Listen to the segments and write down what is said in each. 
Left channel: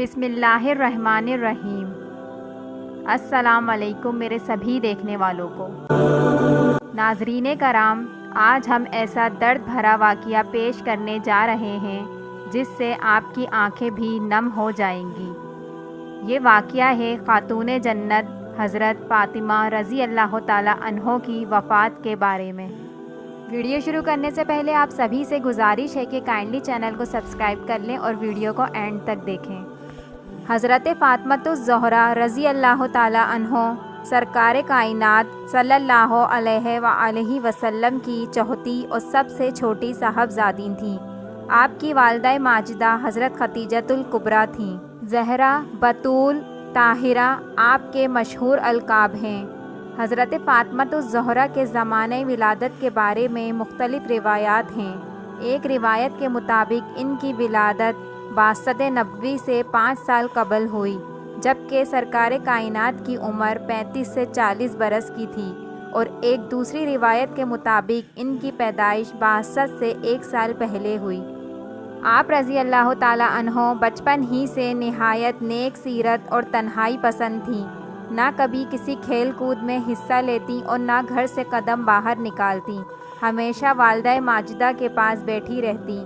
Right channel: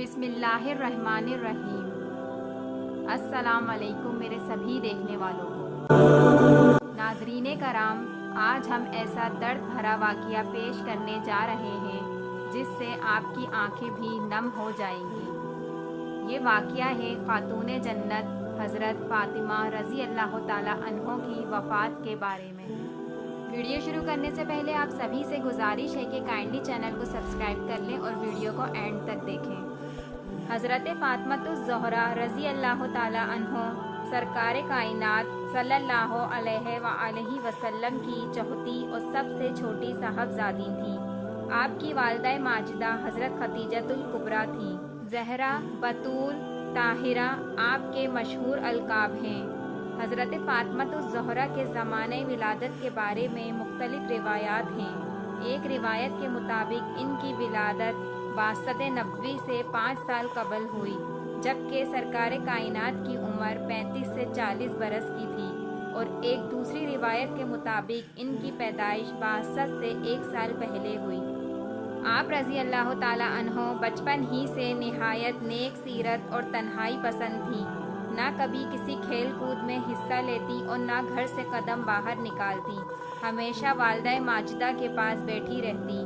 بسم اللہ الرحمن الرحیم۔ السلام علیکم میرے سبھی دیکھنے والوں کو۔ ناظرین کرام، آج ہم ایسا درد بھرا واقعہ پیش کرنے جا رہے ہیں جس سے آپ کی آنکھیں بھی نم ہو جائیں گی۔ یہ واقعہ ہے خاتون جنت حضرت فاطمہ رضی اللہ تعالی عنہ کی وفات کے بارے میں۔ ویڈیو شروع کرنے سے پہلے آپ سبھی سے گزارش ہے کہ کائنڈلی چینل کو سبسکرائب کر لیں اور ویڈیو کو اینڈ تک دیکھیں۔ حضرت فاطمہ الزہرا رضی اللہ تعالی عنہ سرکار کائنات صلی اللہ علیہ وآلہ وسلم کی چوتھی اور سب سے چھوٹی صاحبزادی تھیں۔ آپ کی والدہ ماجدہ حضرت خدیجہ الکبریٰ تھیں۔ زہرا، بطول، طاہرہ آپ کے مشہور القاب ہیں۔ حضرت فاطمہ الزہرا کے زمانہ ولادت کے بارے میں مختلف روایات ہیں۔ ایک روایت کے مطابق ان کی ولادت بعثت نبوی سے 5 سال قبل ہوئی، جبکہ سرکار کائنات کی عمر 35 سے 40 برس کی تھی، اور ایک دوسری روایت کے مطابق ان کی پیدائش بعثت سے 1 سال پہلے ہوئی۔ آپ رضی اللہ تعالی عنہ بچپن ہی سے نہایت نیک سیرت اور تنہائی پسند تھیں۔ نہ کبھی کسی کھیل کود میں حصہ لیتی اور نہ گھر سے قدم باہر نکالتی، ہمیشہ والدہ ماجدہ کے پاس بیٹھی رہتی،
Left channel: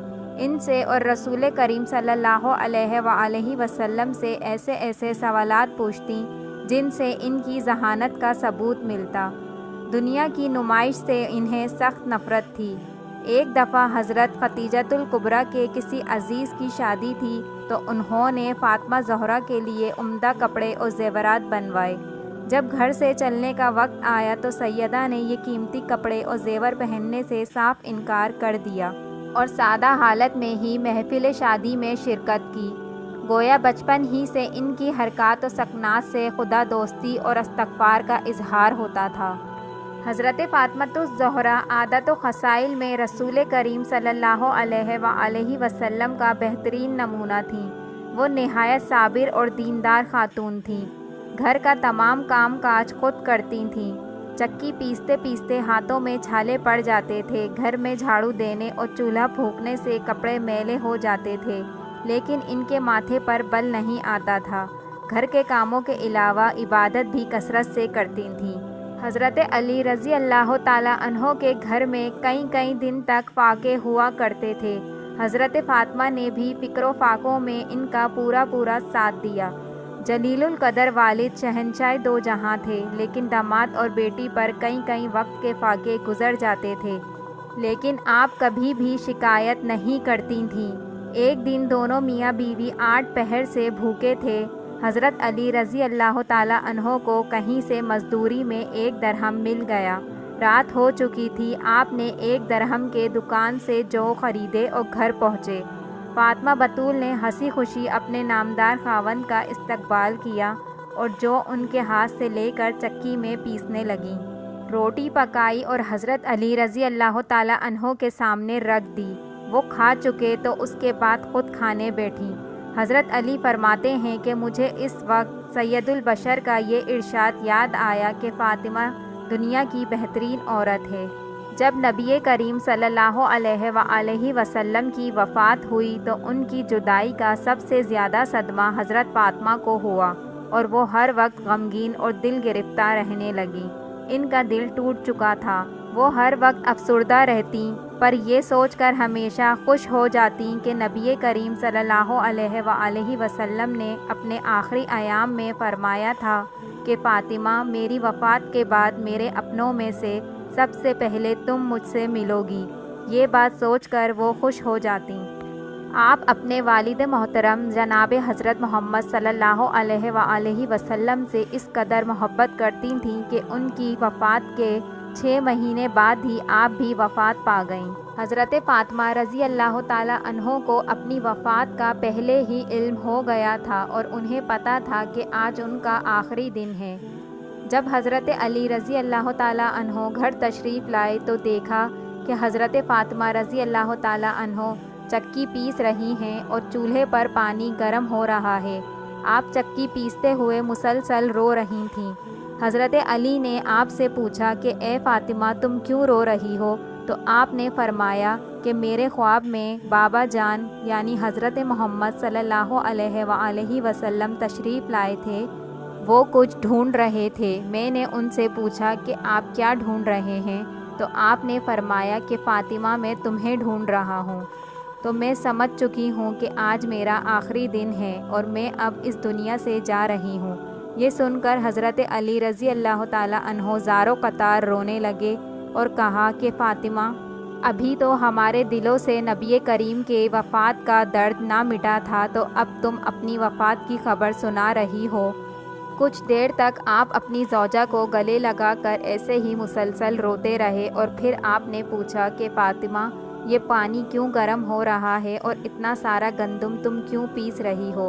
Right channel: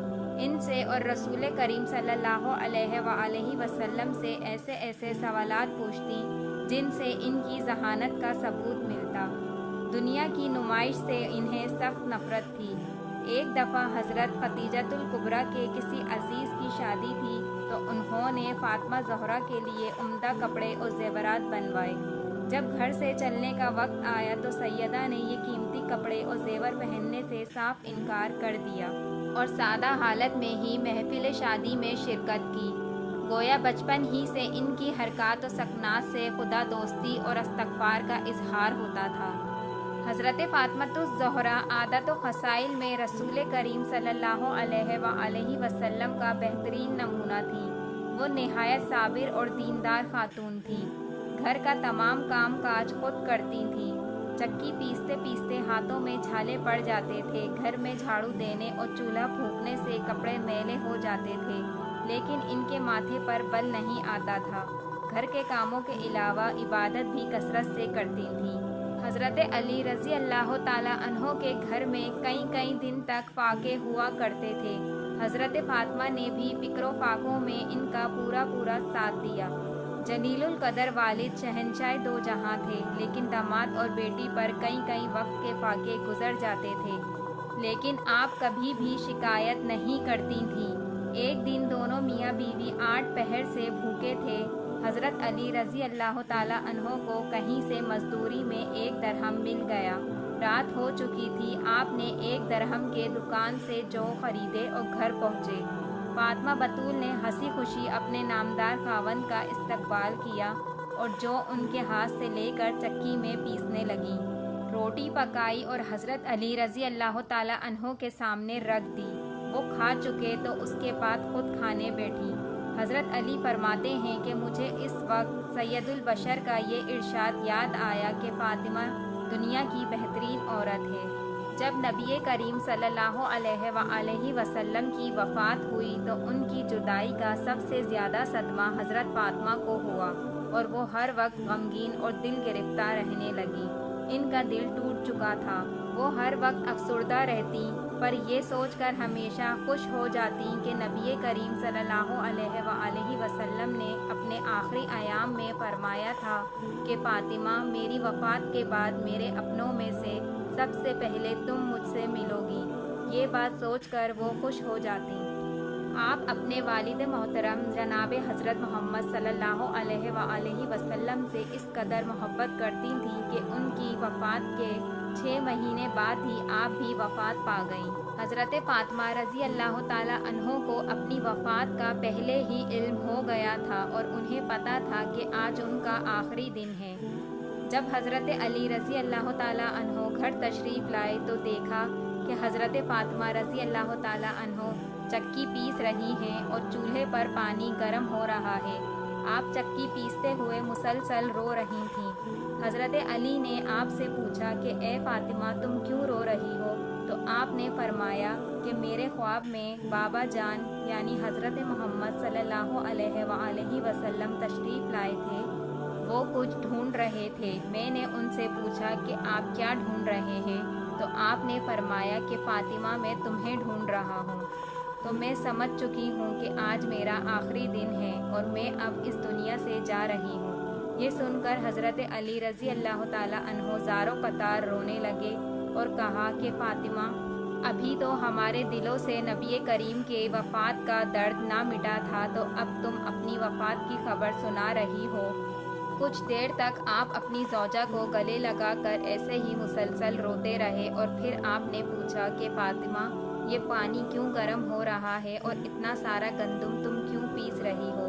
ان سے اور رسول کریم صلی اللہ علیہ وآلہ وسلم سے ایسے سوالات پوچھتی جن سے ان کی ذہانت کا ثبوت ملتا۔ دنیا کی نمائش سے انہیں سخت نفرت تھی۔ ایک دفعہ حضرت خدیجہ الکبریٰ کے کسی عزیز کی شادی تھی تو انہوں نے فاطمہ زہرا کے لیے عمدہ کپڑے اور زیورات بنوائے۔ جب گھر سے چلنے کا وقت آیا تو سیدہ نے یہ قیمتی کپڑے اور زیور پہننے سے صاف انکار کر دیا اور سادہ حالت میں ہی محفل شادی میں شرکت کی۔ گویا بچپن ہی سے ان کی حرکات و سکنات سے خدا دوستی اور استغفار کا اظہار ہوتا تھا۔ حضرت فاطمہ الزہرا عادت و خصائل میں رسول کریم صلی اللہ علیہ وآلہ وسلم کا بہترین نمونہ تھیں۔ وہ نہایت صابر اور دیندار خاتون تھیں۔ گھر کا تمام کام کاج خود کرتی تھیں۔ چکی پیستے پیستے ہاتھوں میں چھالے پڑ جاتے تھے۔ گھر میں جھاڑو دینے اور چولہا پھونکنے سے کپڑے میلے ہو جاتے تھے، لیکن ان کے ماتھے پر بل نہیں آتا تھا۔ گھر کے کاموں کے علاوہ عبادت بھی کثرت سے کرتی تھیں۔ حضرت علی رضی اللہ تعالی عنہ کے گھر میں کئی دن تک فاقے ہوا کرتے تھے۔ حضرت فاطمہ نے بھی فکر و فاقوں میں ان کا پورا ساتھ دیا۔ جلیل القدر والد شہنشاہ دو جہاں تھے، لیکن داماد اور بیٹی پر کئی وقت کے فاقے گزر جاتے تھے، لیکن آپ کبھی بھی شکایت نہیں کرتی تھیں۔ ایک دن دونوں میاں بیوی 8 پہر سے بھوکے تھے۔ حضرت علی رضی اللہ تعالی عنہ کو کہیں سے مزدوری میں 1 درہم مل گیا۔ رات ہو چکی تھی۔ آپ نے 1 درہم کے دکان سے جو خریدے اور گھر پہنچے۔ فاطمہ بطول نے ہنسی خوشی اپنے نامدار خاوند کا استقبال کیا اور جو ان کے ہاتھ سے لے کر چکی میں پیسنے لگیں۔ روٹی پکائی اور حضرت علی رضی اللہ تعالی عنہ کے سامنے رکھ دی۔ وہ کھا چکے تو اس کے بعد خود کھانے بیٹھی۔ حضرت علی فرماتے ہیں کہ مجھے اس وقت سید البشر کا یہ ارشاد یاد آیا کہ فاطمہ دنیا کی بہترین عورت ہے۔ جب نبی کریم صلی اللہ علیہ وآلہ وسلم کی وفات ہوئی تو ان کی جدائی کا سب سے زیادہ صدمہ حضرت فاطمہ کو ہوا اور وہ ہر وقت غمگین اور دل گرفتہ رہنے لگیں۔ ان کا دل ٹوٹ چکا تھا۔ وہ ہر وقت افسردہ رہتی، پر یہ سوچ کر ہمیشہ خوش ہو جاتی کہ نبی کریم صلی اللہ علیہ وآلہ وسلم نے اپنے آخری ایام میں فرمایا تھا کہ فاطمہ میری وفات کے بعد میرے اپنوں میں سے سب سے پہلے تم مجھ سے ملو گی۔ یہ بات سوچ کر وہ خوش ہو جاتی۔ آپ اپنے والد محترم جناب حضرت محمد صلی اللہ علیہ وآلہ وسلم سے اس قدر محبت کرتی تھیں کہ ان کی وفات کے 6 مہینے بعد ہی آپ بھی وفات پا گئیں۔ حضرت فاطمہ رضی اللہ تعالی عنہ کو اپنی وفات کا پہلے ہی علم ہو گیا تھا اور انہیں پتہ تھا کہ آج ان کا آخری دن ہے۔ جب حضرت علی رضی اللہ تعالی عنہ گھر تشریف لائے تو دیکھا کہ حضرت فاطمہ رضی اللہ تعالی عنہ چکی پیس رہی ہیں اور چولہے پر پانی گرم ہو رہا ہے۔ آپ چکی پیستے ہوئے مسلسل رو رہی تھیں۔ حضرت علی نے آپ سے پوچھا کہ اے فاطمہ تم کیوں رو رہی ہو؟ تو آپ نے فرمایا کہ میرے خواب میں بابا جان یعنی حضرت محمد صلی اللہ علیہ وآلہ وسلم تشریف لائے تھے۔ وہ کچھ ڈھونڈ رہے تھے۔ میں نے ان سے پوچھا کہ آپ کیا ڈھونڈ رہے ہیں؟ تو آپ نے فرمایا کہ فاطمہ میں تمہیں ڈھونڈ رہا ہوں۔ تو میں سمجھ چکی ہوں کہ آج میرا آخری دن ہے اور میں اب اس دنیا سے جا رہی ہوں۔ یہ سن کر حضرت علی رضی اللہ تعالیٰ عنہ زاروں قطار رونے لگے اور کہا کہ فاطمہ، ابھی تو ہمارے دلوں سے نبی کریم کے وفات کا درد نہ مٹا تھا، تو اب تم اپنی وفات کی خبر سنا رہی ہو۔ کچھ دیر تک آپ اپنی زوجہ کو گلے لگا کر ایسے ہی مسلسل روتے رہے اور پھر آپ نے پوچھا کہ فاطمہ، یہ پانی کیوں گرم ہو رہا ہے اور اتنا سارا گندم تم کیوں پیس رہی ہو؟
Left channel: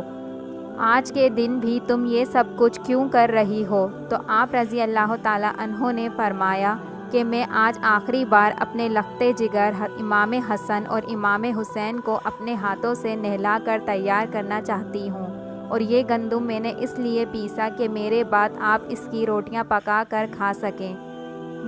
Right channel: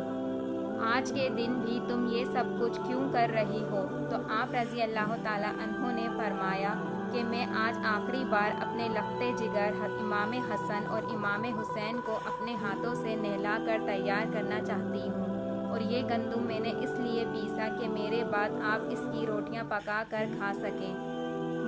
آج کے دن بھی تم یہ سب کچھ کیوں کر رہی ہو؟ تو آپ رضی اللہ تعالیٰ عنہ نے فرمایا کہ میں آج آخری بار اپنے لختے جگر امام حسن اور امام حسین کو اپنے ہاتھوں سے نہلا کر تیار کرنا چاہتی ہوں، اور یہ گندم میں نے اس لیے پیسا کہ میرے بعد آپ اس کی روٹیاں پکا کر کھا سکیں۔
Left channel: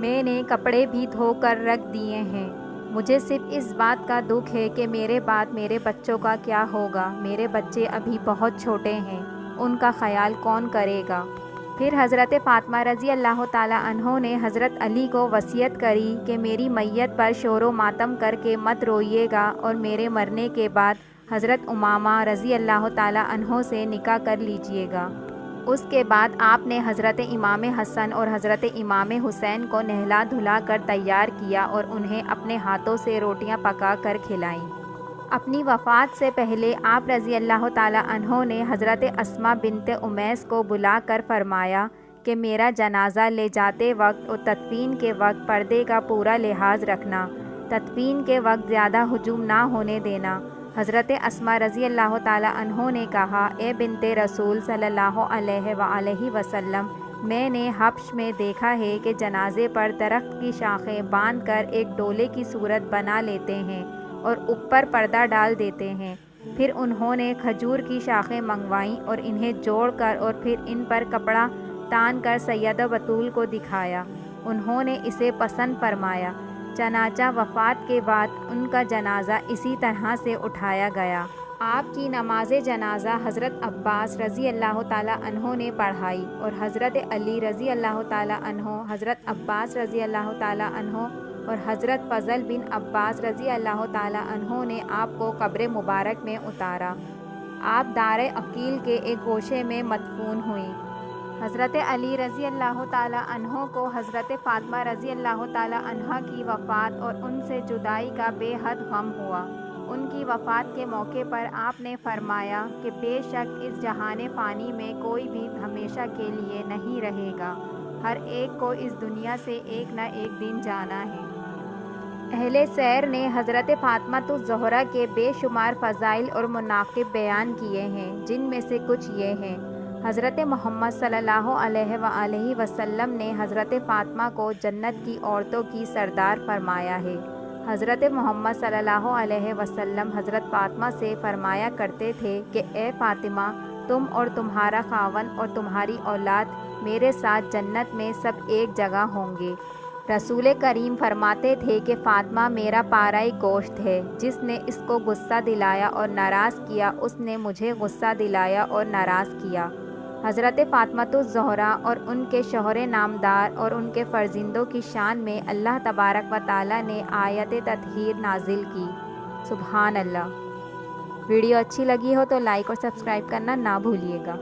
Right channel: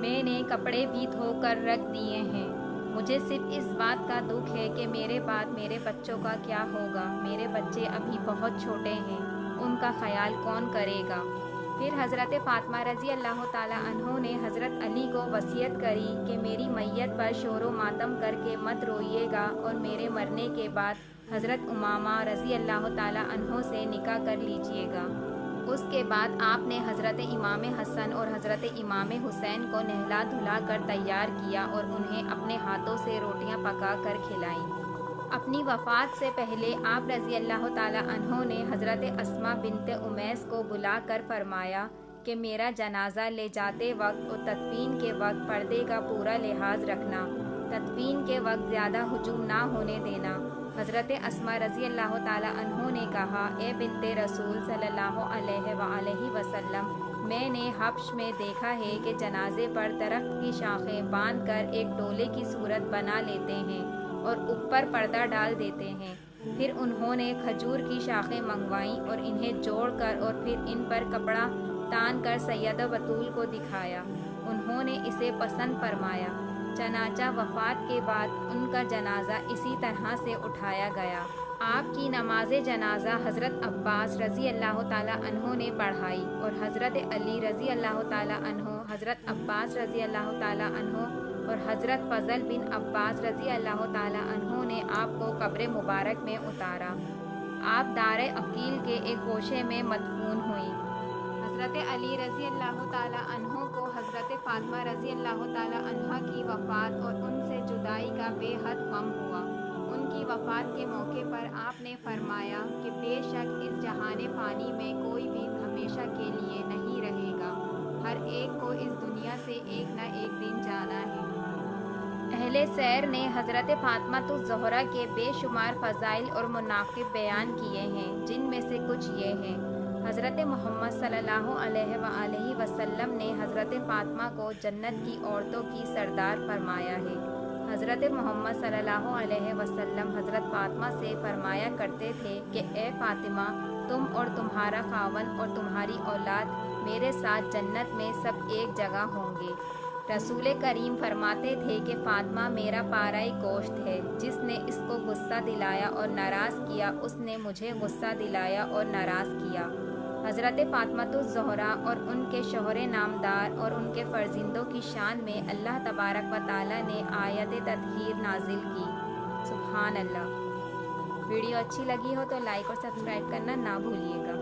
میں نے کپڑے بھی دھو کر رکھ دیے ہیں۔ مجھے صرف اس بات کا دکھ ہے کہ میرے بعد میرے بچوں کا کیا ہوگا۔ میرے بچے ابھی بہت چھوٹے ہیں، ان کا خیال کون کرے گا؟ پھر حضرت فاطمہ رضی اللہ تعالیٰ عنہ نے حضرت علی کو وصیت کری کہ میری میت پر شور و ماتم کر کے مت روئیے گا، اور میرے مرنے کے بعد حضرت امامہ رضی اللہ تعالیٰ عنہ سے نکاح کر لیجئے گا۔ اس کے بعد آپ نے حضرت امام حسن اور حضرت امام حسین کو نہلا دھلا کر تیار کیا اور انہیں اپنے ہاتھوں سے روٹیاں پکا کر کھلائیں۔ اپنی وفات سے پہلے آپ رضی اللہ تعالیٰ عنہ نے حضرت اسماء بنت امیس کو بلا کر فرمایا کہ میرا جنازہ لے جاتے وقت اور تدفین کے وقت پردے کا پورا لحاظ رکھنا، تدفین کے وقت زیادہ ہجوم نہ ہونے دینا۔ حضرت اسماء رضی اللہ تعالیٰ عنہ نے کہا، اے بنت رسول صلی اللہ علیہ وآلہ وسلم، میں نے حبش میں دیکھا ہے کہ جنازے پر درخت کی شاخیں باندھ کر ایک ڈولے کی صورت بنا لیتے ہیں اور اوپر پردہ ڈال دیتے ہیں۔ پھر انہوں نے کھجور کی شاخیں منگوائیں اور انہیں جوڑ کر اور پھر ان پر کپڑا تان کر سیدہ بطول کو دکھایا۔ انہوں نے اسے پسند فرمایا، چنانچہ وفات کے بعد ان کا جنازہ اسی طرح سے اٹھایا گیا۔ آپ کی نماز جنازہ حضرت عباس رضی اللہ تعالیٰ عنہ نے پڑھائی اور حضرت علی رضی اللہ تعالیٰ عنہ، حضرت عباس رضی اللہ تعالیٰ عنہ اور حضرت فضل بن عباس رضی اللہ تعالیٰ عنہ نے آپ کو قبر مبارک میں اتارا۔ آپ دار عقیل کے ایک گوشے میں مدفون ہوئیں۔ حضرت علی رضی اللہ تعالیٰ عنہ کو حضرت فاطمہ رضی اللہ تعالیٰ عنہ کی وفات اور ان سے جدائی کا بے حد غم ہوا۔ ان کی وفات کے موقع پر آپ نے فرمایا کہ بے شک اس جہان فانی میں کوئی بھی ہمیشہ کے لیے نہیں رہے گا، ہر ایک کو اس دنیا سے ایک نہ ایک دن جانا ہے۔ اہل سیر نے حضرت فاطمہ الزہرا کے بے شمار فضائل اور مناقب بیان کیے ہیں، جن میں سے کچھ یہ ہیں۔ حضرت محمد صلی اللہ علیہ وآلہ وسلم نے حضرت فاطمہ کو جنت کی عورتوں کی سردار فرمایا ہے۔ حضرت محمد صلی اللہ علیہ وسلم حضرت فاطمہ سے فرمایا کرتے تھے کہ اے فاطمہ، تم اور تمہارا خاوند اور تمہاری اولاد میرے ساتھ جنت میں سب ایک جگہ ہوں گے۔ رسول کریم فرماتے تھے کہ فاطمہ میرا پارۂ گوشت ہے، جس نے اس کو غصہ دلایا اور ناراض کیا، اس نے مجھے غصہ دلایا اور ناراض کیا۔ حضرت فاطمہ الزہرا اور ان کے شوہر نامدار اور ان کے فرزندوں کی شان میں اللہ تبارک و تعالیٰ نے آیت تطہیر نازل کی۔ سبحان اللہ۔ ویڈیو اچھی لگی ہو تو لائک اور سبسکرائب کرنا نہ بھولیے گا۔